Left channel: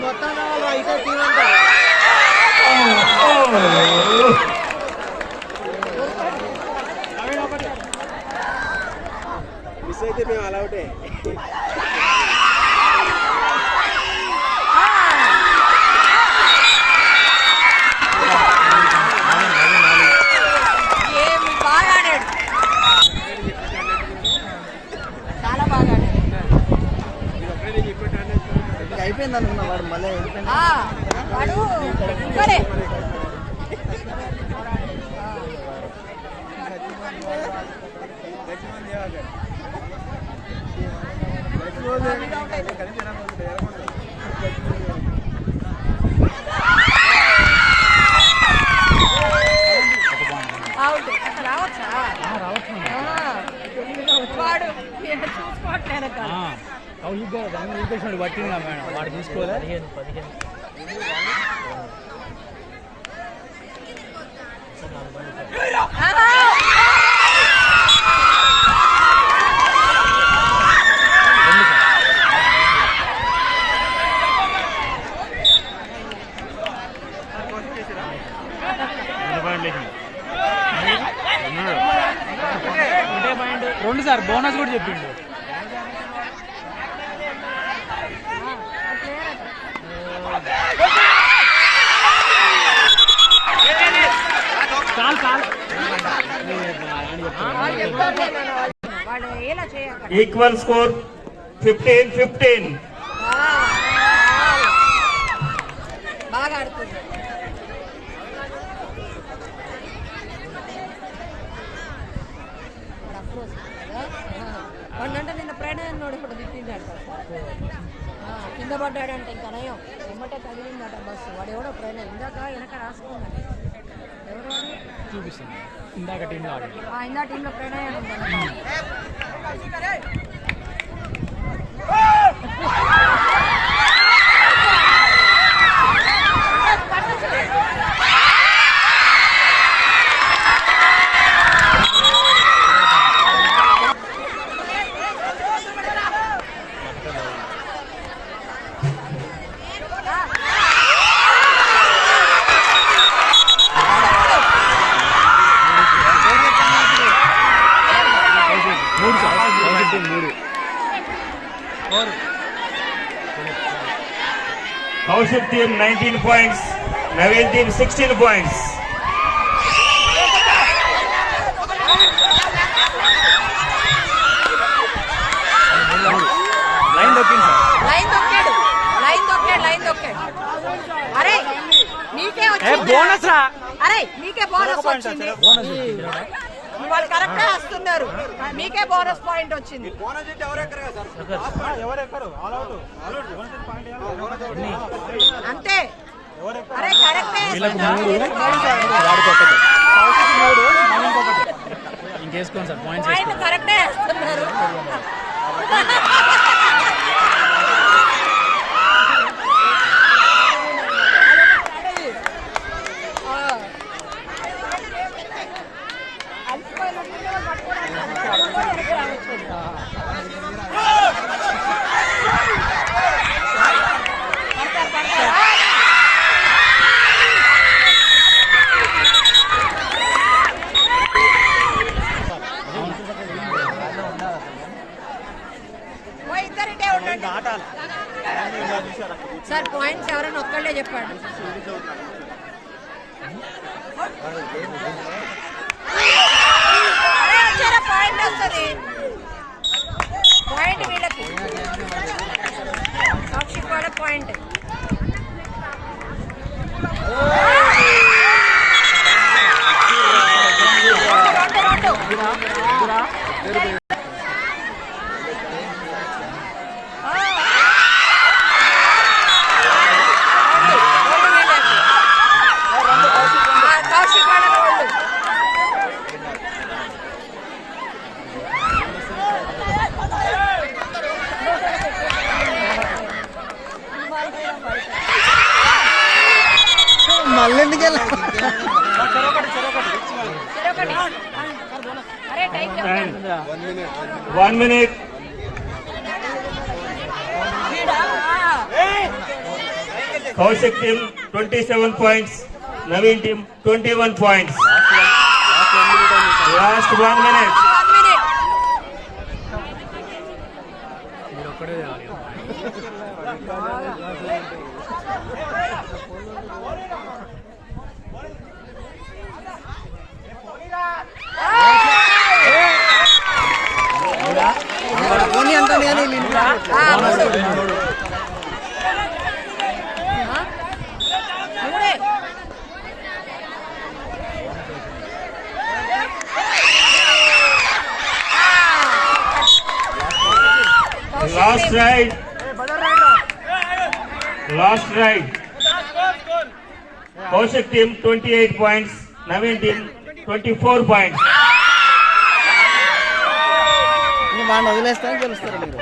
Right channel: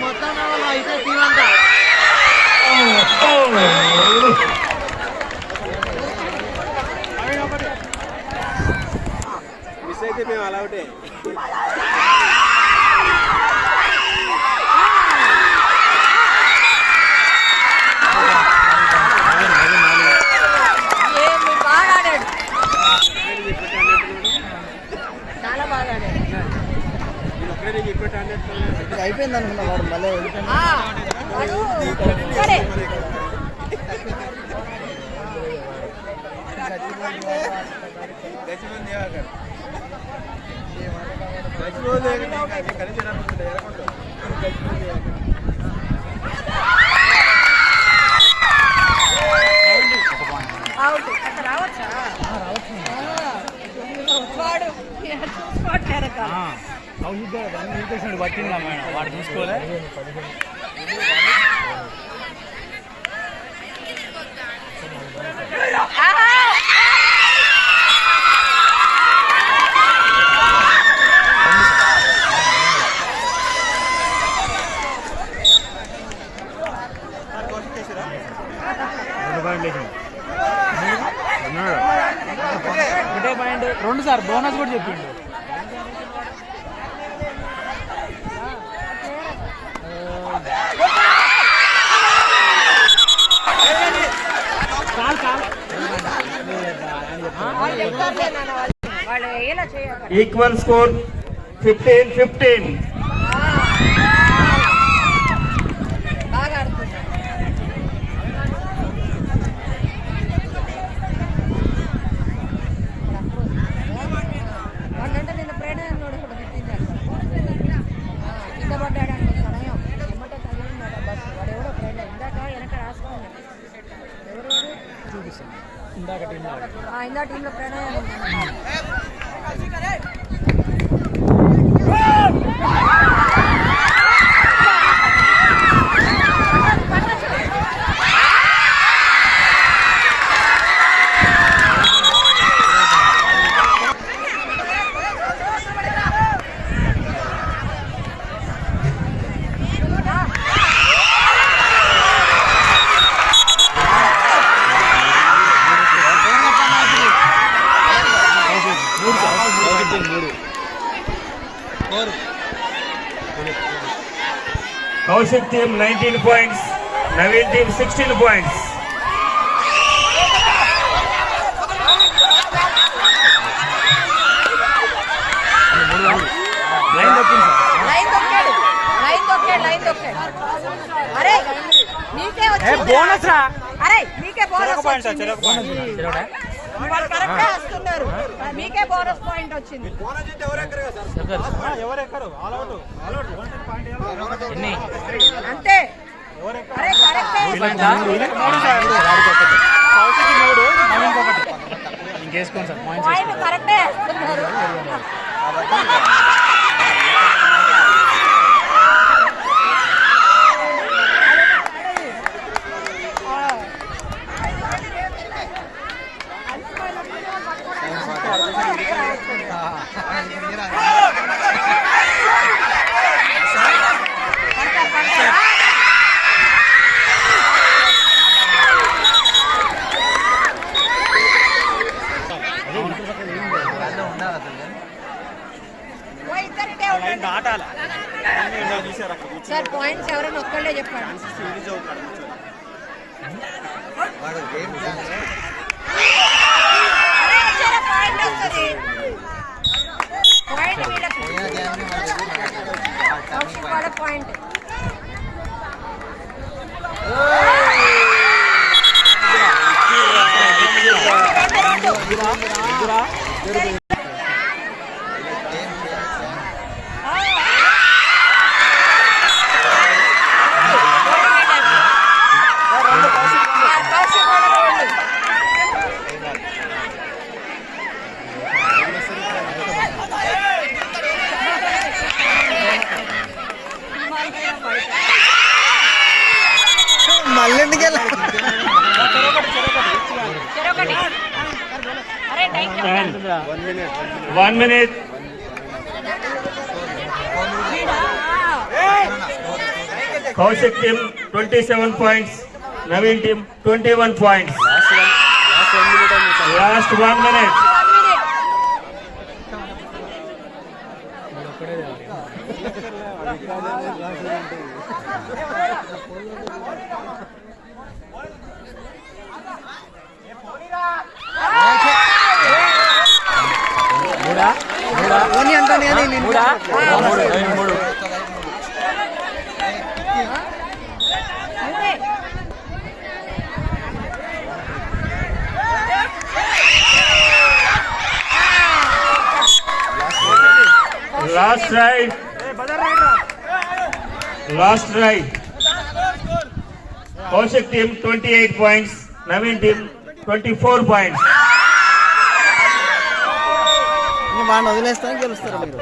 మొత్తం రావాలి అయితే తీవంట మిస్ అయితే మేము అలా ఒకటే అయిపోయింది అనుకున్నా వాడు మళ్ళీ పట్టిందా మేడం వాడు చూసుకోలే రెండు సార్ బోనస్ కూడా చెప్పిండు ఈక్వల్ స్కోర్ 15-15. వందంటే నిన్న ప్రణయం కింద పడ్డాడంటే ప్రణయం ఎమ్మటే తగిలిందట బస్సు వాడు ఎవడో ప్రణయం ఇందాక వెనక రాసుకోండి చూపిస్తాను ఇందాక టీంలో ప్రణయం Kaushik team 19 points, Naveen team 16 points. Line దొక్కాడు అరే నీకే వచ్చింది బోనస్ రా అరే నీకే బోనస్ వచ్చింది వాళ్ళు కరెక్ట్ గా వస్తున్నారు మీకే బోనస్ పాయింట్ వచ్చింది అంతే అరే కరెక్ట్ ఇంకేసుకోండి సార్ పాయింట్స్ కరెక్టే వేస్తున్నారు సార్ పాయింట్స్ ఎవరైనా ఒక్కళ్ళే చెప్పండి పాయింట్ వస్తుంది పాయింట్ వీళ్ళకి పాయింట్ మళ్ళీ ఎందుకు చెరొకటి అరే టైం చెప్పండి. 1 minute. Kaushik team 27 points. Naveen team 21 points. Last 1 minute. 1 minute. మీరు ఒక్కడే తేవాలి. పోనీ అంటాను కానీ నేను మూడే. Last ride. Last ride. Kaushik team 28 points. Naveen team 24 points. వాడిని వదిలేస్తాను గెలుస్తారు మీరు.